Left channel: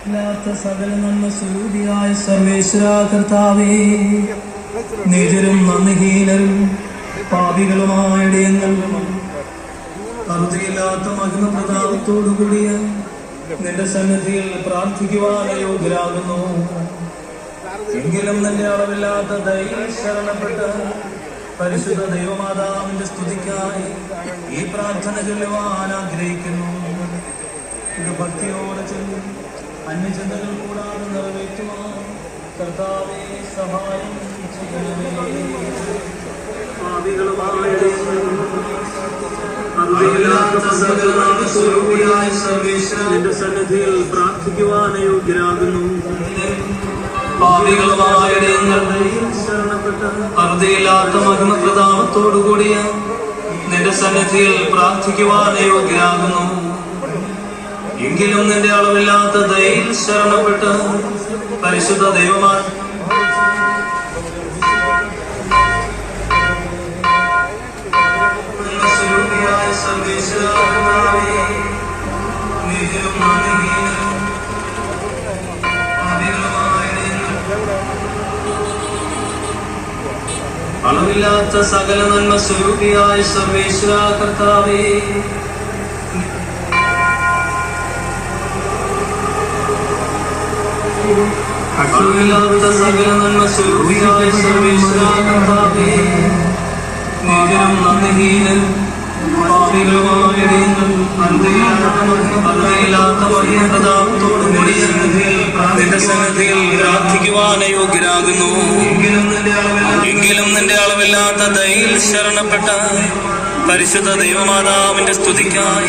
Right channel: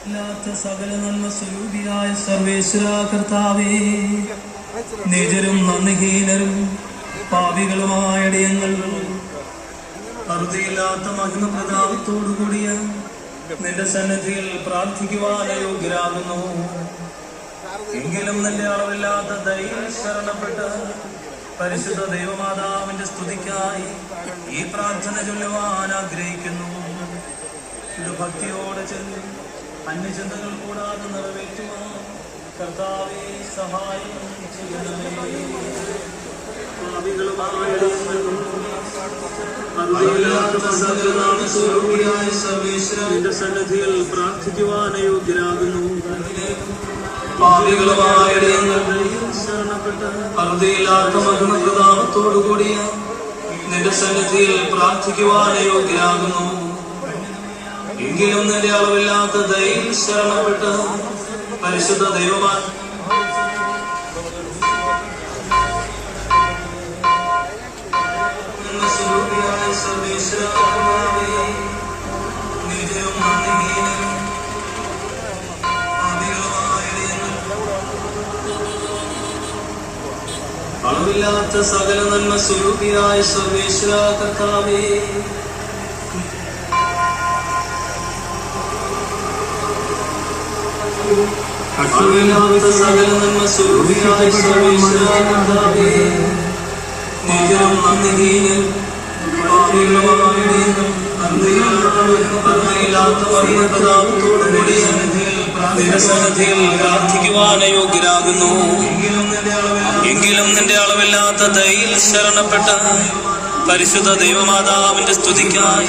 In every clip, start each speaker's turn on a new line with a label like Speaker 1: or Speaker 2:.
Speaker 1: ഇല്ലാത്ത സകല നന്മ സ്വരൂപിയായ സർവേശ്വര കർത്താവേ. നിജരും നന്ദിഹീനരും പാപികളുമായ ഇടയങ്ങൾ അറുതിയില്ലാത്ത മഹിമപ്രതാപത്തോടുകൂടിയ നിന്റെ സന്നദ്ധിയിൽ പ്രാർത്ഥിക്കുവാൻ എങ്കിലും നിന്റെ അളവില്ലാത്ത ദൈവ പരിശുദ്ധ ദൈവമാതാവിന്റെ സ്തുതിക്കായി ഈ പ്രാർത്ഥന ചൊല്ലുവാൻ ആഗ്രഹിക്കുന്നു. ഇത് ഭക്തിയോടെ ചെല്ലും അന്യചിന്തകൾ കൂടാതെ നിറവേറ്റുവാൻ കർത്താവെ സഹായം ചെയ്യണമേ. അറിവില്ലാത്ത സകലനാമ സ്വരൂപിയായ സർവേശ്വരന്റെ സന്നിധിയിൽ പ്രാർത്ഥിക്കുവാൻ യോഗ്യരാകുന്നു. ശരണപ്പെട്ട് അറുതിയില്ലാത്ത മഹിമപ്രതാപത്തോടുകൂടിയ നിന്റെ സന്നിധിയിൽ പ്രാർത്ഥിക്കുവാൻ യോഗ്യരാകുന്നു എങ്കിലും നിന്റെ അളവില്ലാത്ത ദയിൽ ശരണപ്പെട്ട് പരിശുദ്ധ ദൈവമാ സ്വരൂപിയായ നിധിയും നീതിയും അളവില്ലാത്ത സകല നന്മ സ്വരൂപിയായ സർവേശ്വര കർത്താവേ. അളവില്ലാത്ത സകല നന്മ സ്വരൂപിയായ സർവേശ്വര കർത്താവേ. മഹിമപ്രതാപത്തോടു കൂടിയ നിന്റെ സന്നിധിയിൽ പ്രാർത്ഥിക്കുവാൻ യോഗ്യരാകുന്നു എങ്കിലും നിന്റെ അളവില്ലാത്ത ദയിൽ ശരണപ്പെട്ട പരിശുദ്ധ ദൈവമാതാവിന്റെ സ്തുതിക്കാൻ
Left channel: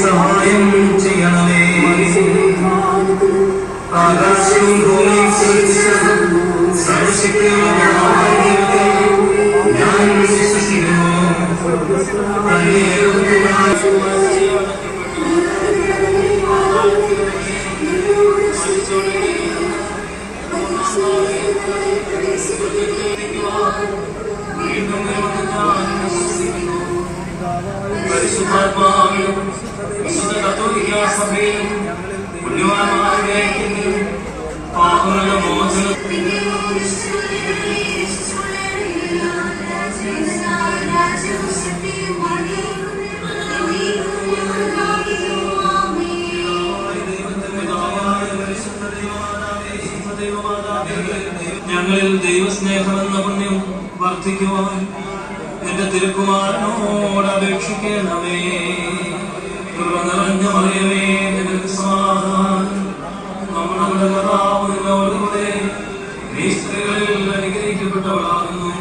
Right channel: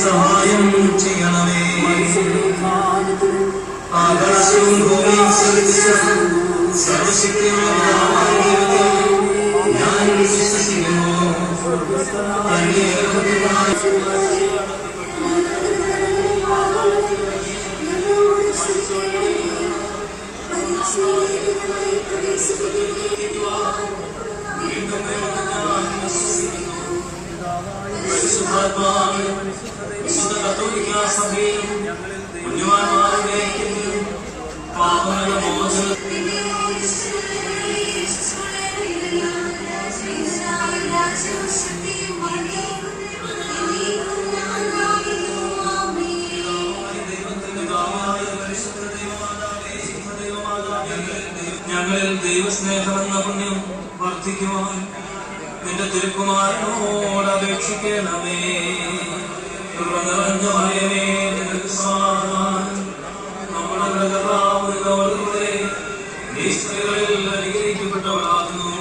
Speaker 1: സഹായം ചെയ്യണമേ. ആകാശവും ഭൂമിയും സൃഷ്ടിച്ച സർവശക്തിയുള്ള ഞങ്ങളിൽ ദൈവസ്നേഹമെന്ന പുണ്യം വർദ്ധിക്കുവാൻ നിന്റെ തിരുക്കുമാരനോട് അപേക്ഷിക്കണമേ കൃപ നിറഞ്ഞ മറിയമേ, സമാധാനം. നമ്മുടെ കർത്താവ് നിന്നോടുകൂടെ നീ സ്ത്രീകളിൽ അനുഗ്രഹിക്കപ്പെട്ടവളാകുന്നു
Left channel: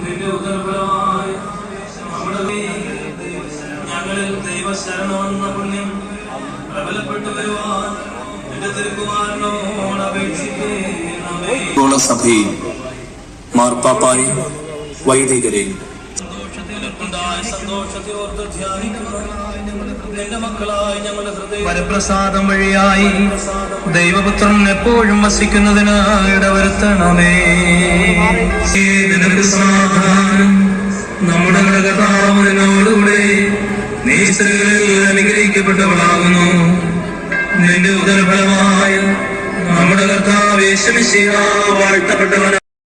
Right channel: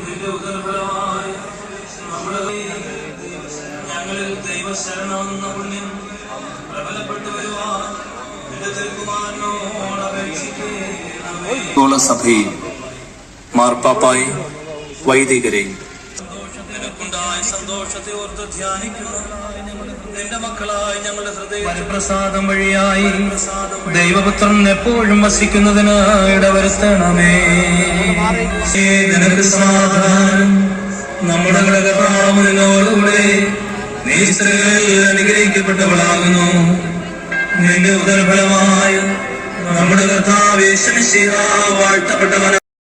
Speaker 1: നിന്റെ ഉദരഫലമായി നമ്മുടെ ഞങ്ങളിൽ ദൈവശരണമെന്ന പുണ്യം പ്രബലപ്പെട്ടു വരുവാൻ
Speaker 2: സഭയിൽ മാർപ്പാപ്പായി വൈദികരെ.
Speaker 1: വരപ്രസാദം വഴിയായി ദൈവപുത്രൻ എപ്പോഴും വസിക്കുന്നതിന് ഇടവരുത്തണമേ നിനക്ക് നമ്മുടെ കർത്താവിനോടുകൂടെ നീ സ്ത്രീകളിൽ അനുഗ്രഹിക്കപ്പെട്ടവളാകുന്നു. നിന്റെ ഉദർഫലമായ നമ്മുടെ കർത്താവേശമിശിഹ വാഴ്ത്തപ്പെട്ടവനാ.